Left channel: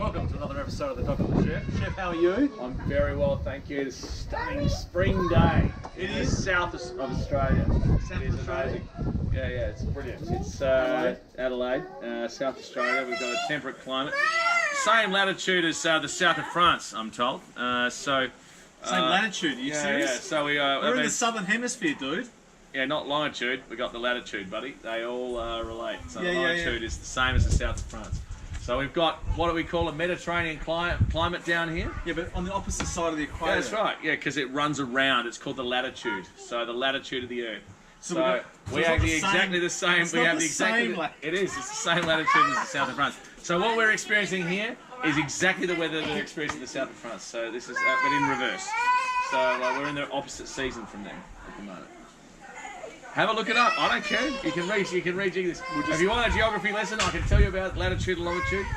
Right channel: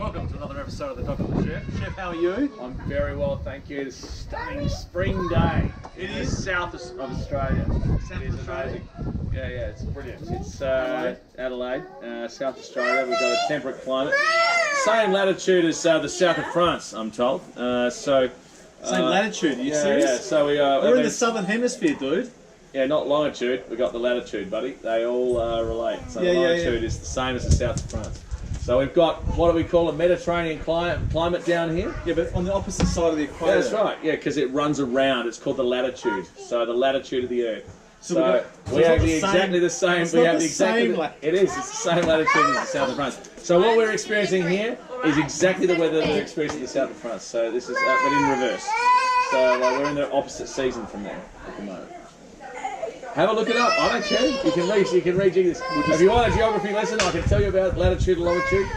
Welcome to another episode of the Doc of the Chef. Chef, how are you? I'm very well, thank you. It's a stunning spring day. It in is. the south of Australia. South It is Australia? amazing. Yeah, it's brilliant. It's Adelaide, South Australia. We've got a temperate climate. Same latitude as the south of France, I'm told. Same latitude, are you serious? Yeah, so We're in the southern hemisphere, dude. Yeah, not longitude. We got the latitude, buddy. They all relate. So Yeah, the yeah, longitude is the same as the south of France. So we've got, what do we call a Mediterranean climate down here? Yeah, but on the opposite side of the equator. Yeah, that's right. Yeah, because it runs around. It's called the latitude. So the latitude of the Earth. So we have exactly the same. It's We not have the exactly. same latitude. It is. It's the same latitude as the south of France. So what we're experiencing here is exactly the weather that they're experiencing in the south of France. So this is, but in reverse. So we're in the opposite season from there at the moment. Have a look it up. I don't care. You can read this. If you want a geography lesson, I can tell you about latitude and longitude.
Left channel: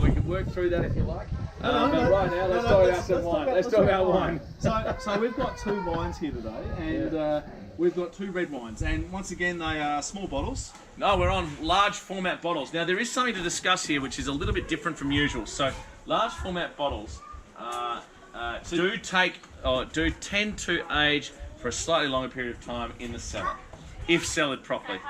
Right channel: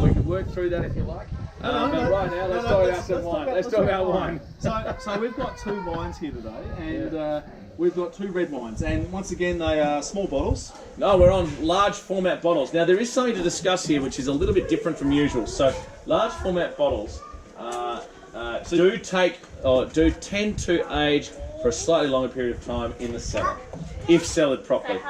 We can work through that if you like. But right now, let's talk about some wine. Let's talk about wine. So we've got two wines here today, and we've got two red wines. And once again, they are small bottles. No, we're on large format bottles. Now, there is something to discuss here, which is a little bit different from usual. So, large format bottles do tend to age for a slightly longer period of time in the cellar, if cellared properly.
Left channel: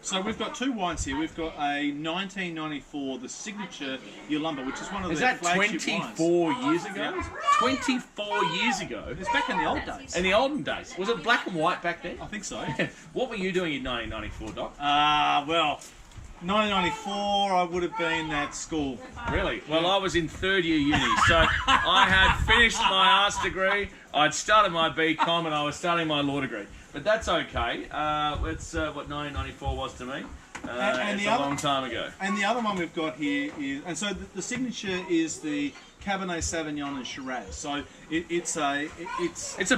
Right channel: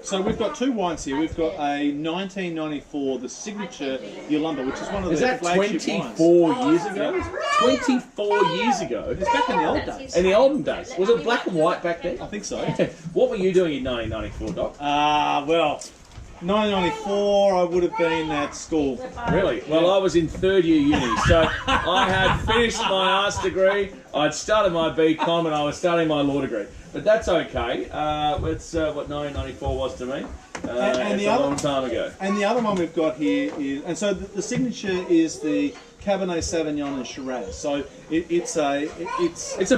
So we've got two wines here. We've got a 1994, the signature Yalumba, which is one of the flagship wines. Is that 24 years ago? Yeah. 24 years ago? It's back in the old days. In the olden days. Was it black and white back then? I think so. What were you doing in 1994, Doc? Well, 1994, I would have been at school. Really? Well, I was in third year uni, so I had finished my arts degree, I'd started my BCom, and I was starting my law degree. But that's okay. It's what 1994 was to me. And it's a long time ago. And the other one we've got here is, and so the signature is the Cabernet Sauvignon and Shiraz. So it's a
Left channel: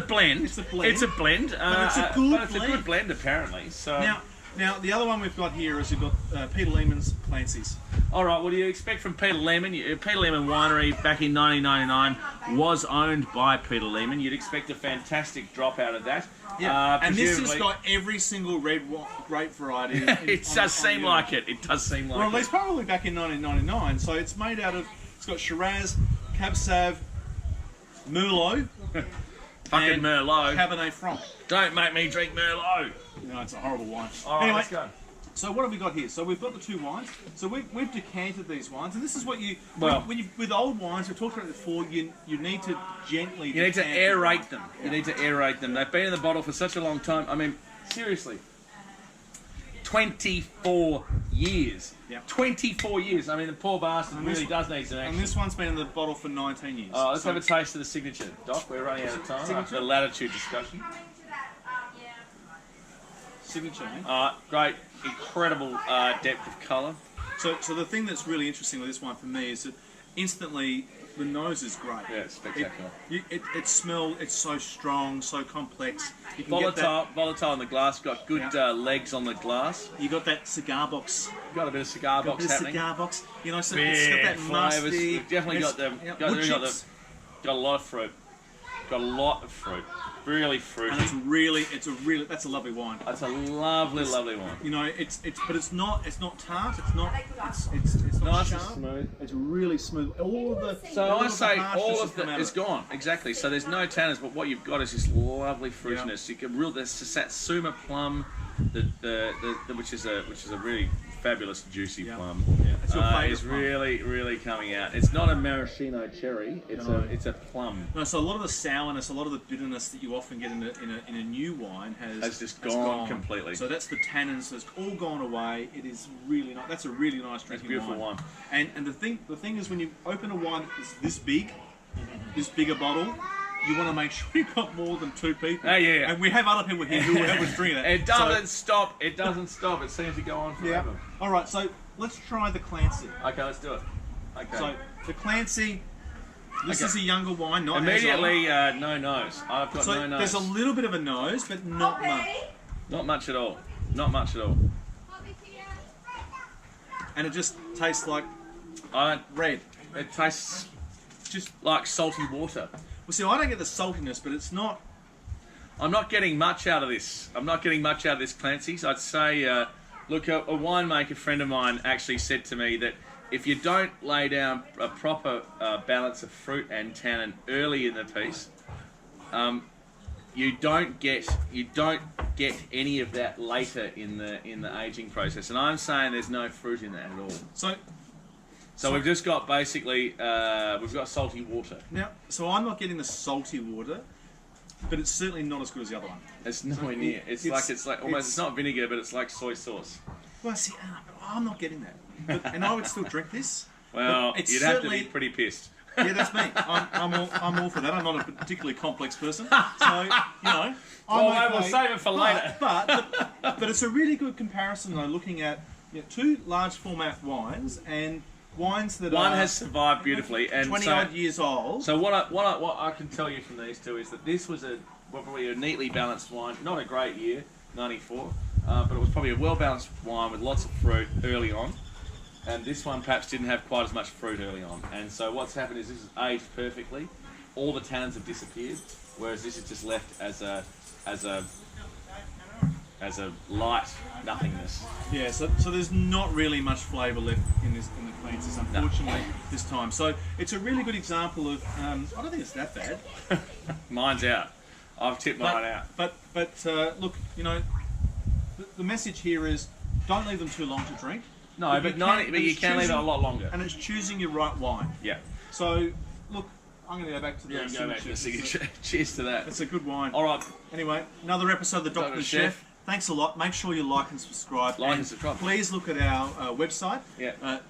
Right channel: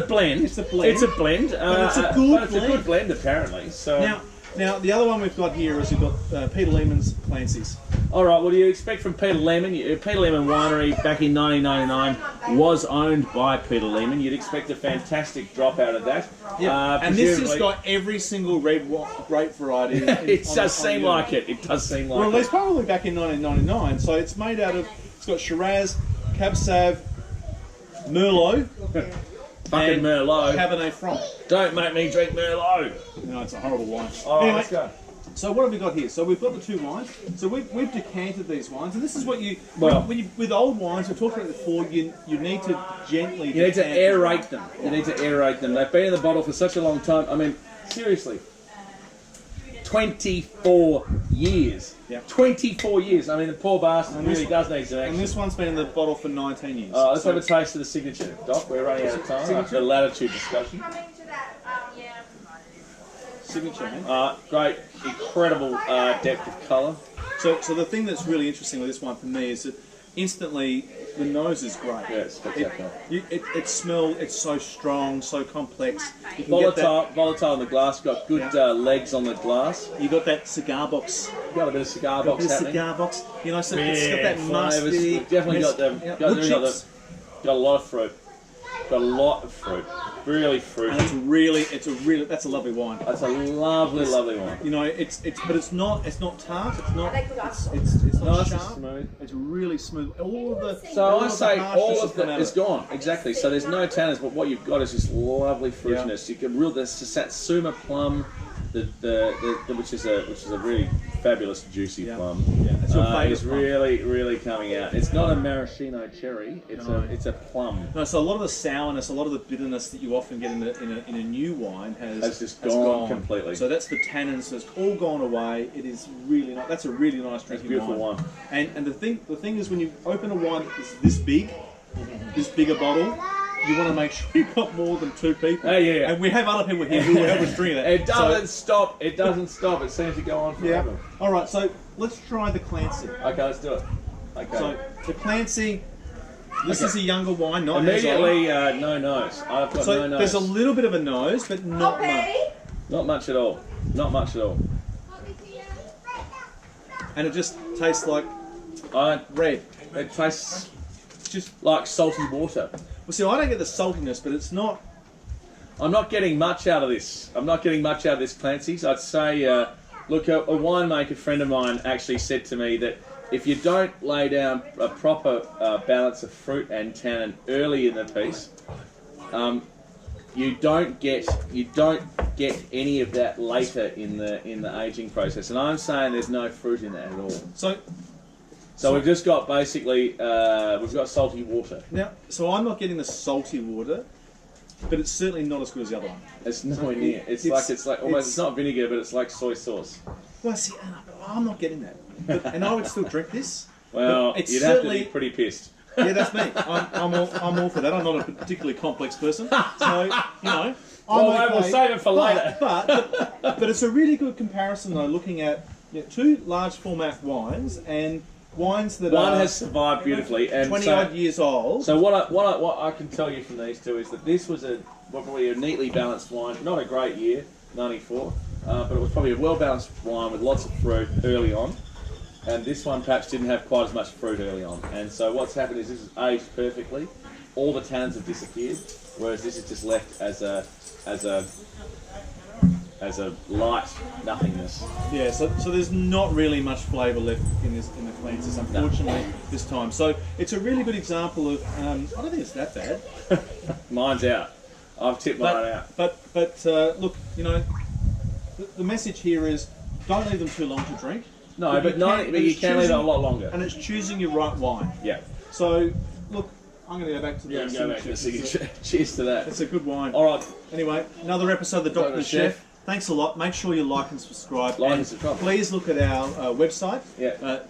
blend. It's a blend. It's a blend. But it's a good blend. It's a good blend, apparently. So Now the other one we've got here is we've got Peter Lehmann's Clancy's. All right, what do you expect from Peter Lehmann? Peter Lehmann Winery back in 1999 was owned by Peter Lehmann. You'd expect a fantastic drop out of that. Yeah, and this has got every single red grape variety. It does seem like it. It does seem like it. Well, at least probably back in 1999. So it's made out of, it's got Shiraz, Cab Sav, Merlot. Fucking Merlot. Cabernet Franc. Don't make me drink Merlot. No, it's a horrible wine. All right, anyway, let's go. So what have we got here? So we've got the two wines. So we've decanted these wines, and this is what you with old wines. We've talked about it before. You need to gently. You need to aerate them. You need to aerate them. They've been in the bottle for such a long time. I mean, seriously, 24 years. Yeah. 24 years. I mean, the poor bastard really does need some action. And this one's been in the bottle for 19 years. Let's have a taste of the signature, Doc. We're running out of time after the latitude discussion. Signature, eh? Great, incredible depth of colour. So the thing that's really interesting with this one for me is that instantly the nose is great. Yeah, it's spectacular. It smells. It's so strong, so complex. You can Volatile in the glass. Got good legs on the glass. You got that cigar box. Got a bit of cigar box happening. Cigar box. You know, so it's got that musty. We've definitely got them. Got a lot of fruit. Got a lot of fruit. Really fruity. And that's a lovely wine. That's a lovely wine. You know, but it's not tart. It's not nice sharp. and smooth. It's really smooth. All of the all of it is gone. Exactly. So there's no tannins, but what you've got is this lovely fruitiness. You can there's the Satsuma plum, which is a really fabulous juicy plum. Yeah, it's your favourite. It's really coming out. It's not a maraschino cherry. It's a plum. No, so a lot of the sourness, a lot of the bitterness that you often get in a new wine has just gone completely. So that's the tannins. It's all gone away. It is really nice. That's a really nice drinking beautiful wine. And the thing is, when you open a wine that's this big, this bigger bottle, you want to make sure you've got more than two people. Yeah. And we have other people here who help us drink it. It doesn't stop. It doesn't stop. It seems to go on forever. Yeah. All right, so let's try the Clancy. Okay, let's do it. Okay. So the Clancy, this is a younger wine, not immediately no nose. I've got no nose. There's a little bit of a nose, but not much. Not much at all. Not much at all. And it just tastes like red. It tastes just like salty water. Well, see, I don't get the saltiness, but it's not. I'm not getting much out of this. Clancy's. I'd say, look, a winemaker friend of mine actually said to me that if you don't lay down a proper balance of fruit and tannin early in the piece, you don't get any of that later in the aging process. And I'm saying there's no fruit in that at all. So we've just got basically we've got salty water. Now, so I'm not getting the salty water, but it's certainly not as good as the other one. It's nowhere near. It's like almost it's not vinegar, but it's like soy sauce. Well, see, I'm not getting that, and I would still drink this. Well, you'd have to be pretty pissed. Yeah, that's me. I'm all for that. I'm not a particularly complex person, so you know. We'll save it for later. But it's a really good comparison though, looking at two large format wines and wines that one has survived beautifully and 20-odd years old. So what I can tell you from these two is that this was probably a neatly balanced wine. Not a great year, 94, but it was probably a well-balanced wine with lots of fruit early on. And this one perhaps didn't have quite as much fruit early on. And so what's happened is this is aged perfectly. All the tannins have disappeared, whereas this is just left as a light nothingness. Yeah, so there's not really much flavour left in the Clancy's, unfortunately, this time. So it's a really good example of. I don't think it's that bad. Mine's out. I've tipped mine out. But look, you know, the message here is don't leave them too long to drink. No, but you can leave it a lot longer. And it's choosing your right wine. Yeah. So look, I'm going to go back to the signature. Cheers to that. It's a good wine. All right. Anyway, another episode of the Doctor and the Chef. Thanks a lot. Make sure you like and subscribe. Please look at our website. Yeah.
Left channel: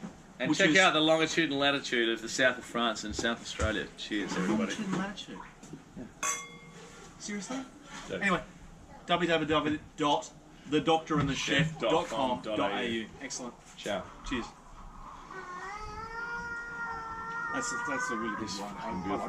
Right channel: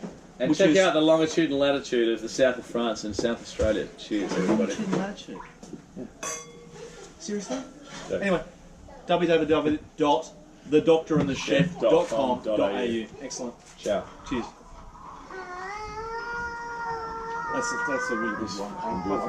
And check out the longitude and latitude of the south of France and South Australia. Cheers, everybody. Longitude and latitude? Yeah. Seriously? Yeah. Anyway, www.thedoctorandthechef.com.au. Excellent. Ciao. Cheers. That's a really good one. I like that.